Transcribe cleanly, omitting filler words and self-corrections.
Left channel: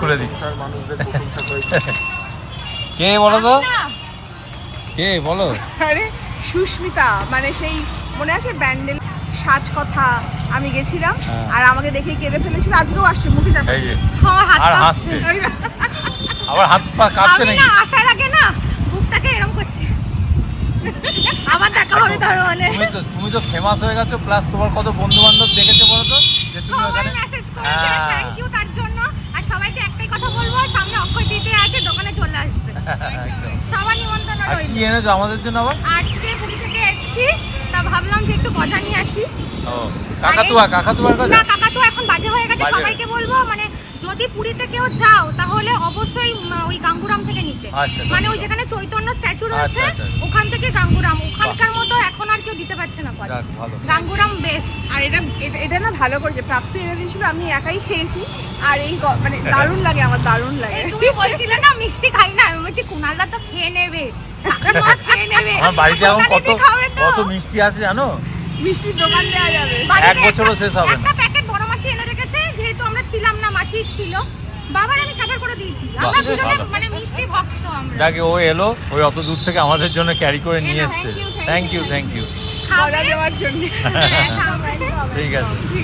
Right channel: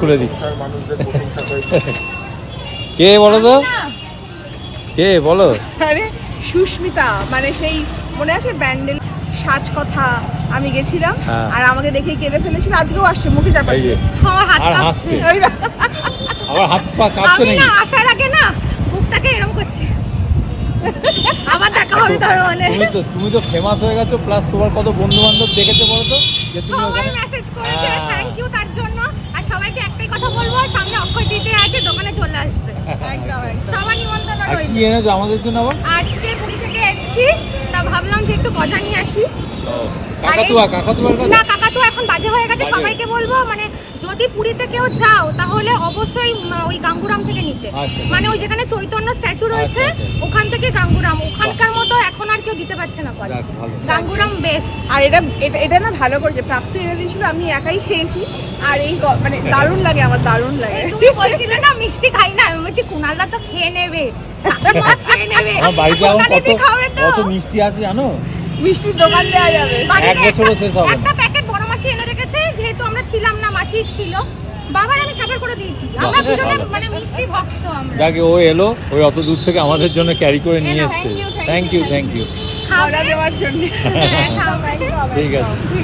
খুলে দিচ্ছি। মানুষদের প্রশংসা করেছে। কে বলো তো, কে বলো? আরে সুস্মিতা, মানে সেই মনে আছে ব্যান্ডেল সাজ কথা আমি গেছিলাম আর আমাকে দেখে কেঁদে ফেলেছিল, আজকেও আসছে মুখে চাপা এই যে, দিয়ে। আমার হাত আর কাঁপছে। হাসছে। ওই না। আবার হাত পা কাঁপছে আমি নাকি? না আসার আগে না বুকটাকে এরকম করছে। আবার দেখা হবে তার মানে। তুমি তো ফেমাস হয়ে গেছো, প্লাস তোমার কত বন্ধু বান্ধব দেখেছে বলো তো, যে তুমি সবাই ওখানে- মেসেজ করেছে, হ্যাঁ। থ্যাংক ইউ তার জন্য। আর সবাইকে একটাই কথা বলবো, সামনে অক্ষয় তৃতীয়া আছে, দোকানে চলে আসবে। সবার নিমন্ত্রণ আর রইল। কি এনেছো আমাদের জন্য আবার? আজকে পুরী থেকে এসেছি, তা ভাবলাম যে একটু গজা নিয়ে আসি। কাকাতুয়া কাকাতুয়ার কাছে? না, কাকাতুয়া এখন বাজে হয়ে গেছে। বাজে। সবাইকে বলবো মানে যদি পুরীতে কেউ যাও তাহলে অবশ্যই ওই গাঙ্গুরাম থেকে নিতে। আচ্ছা। মানে ওই যেখানে চৈতন্য স্ট্যাচু রয়েছে আচ্ছা, আচ্ছা। ওখান থেকে গাঙ্গুরাম, ওখানকার মতো এখন আর কেউ দিতে পারছে না পরে। যাক, ভালো। গাঙ্গুরাম বেস্ট। আর এটা না ভালো করেছে, প্রাপ্তি এনে দিয়েছিল, আমি একাই খেয়েছি। আর এই মানে দারুণ লাগে, আমার দারুণ লাগে। তুমি বলছিলে না মিষ্টি খাই না, আমি বলছি কুনালদা তো খেয়ে নেবে, কাকিমা খেয়ে নেবে, আমার বাড়িতে এখন কুনালিদি কত খাবে তো। কত মিষ্টি আছে জানো? মিষ্টির দোকান দেওয়া যাবে। বাড়িতে এক বছরও শেষ হবে না। একটা প্যাকেট বড় মাসি এনে রেখেছে, যেহেতু আমরা ছিলাম না, মাসি ছিল। বাবার আমি সাফার করে দিয়েছি, আমরা দুজনে মানে মিষ্টি ভক্ত আমরা। যাকে ও এলো, ওই অত দূর থেকে আমাদের জন্য ক্যারি করে নিয়ে এলো, এসছে। thank you, thank you thank you. মজা দেওয়ার জন্য। হ্যাঁ, খাবে। ঠিক আছে।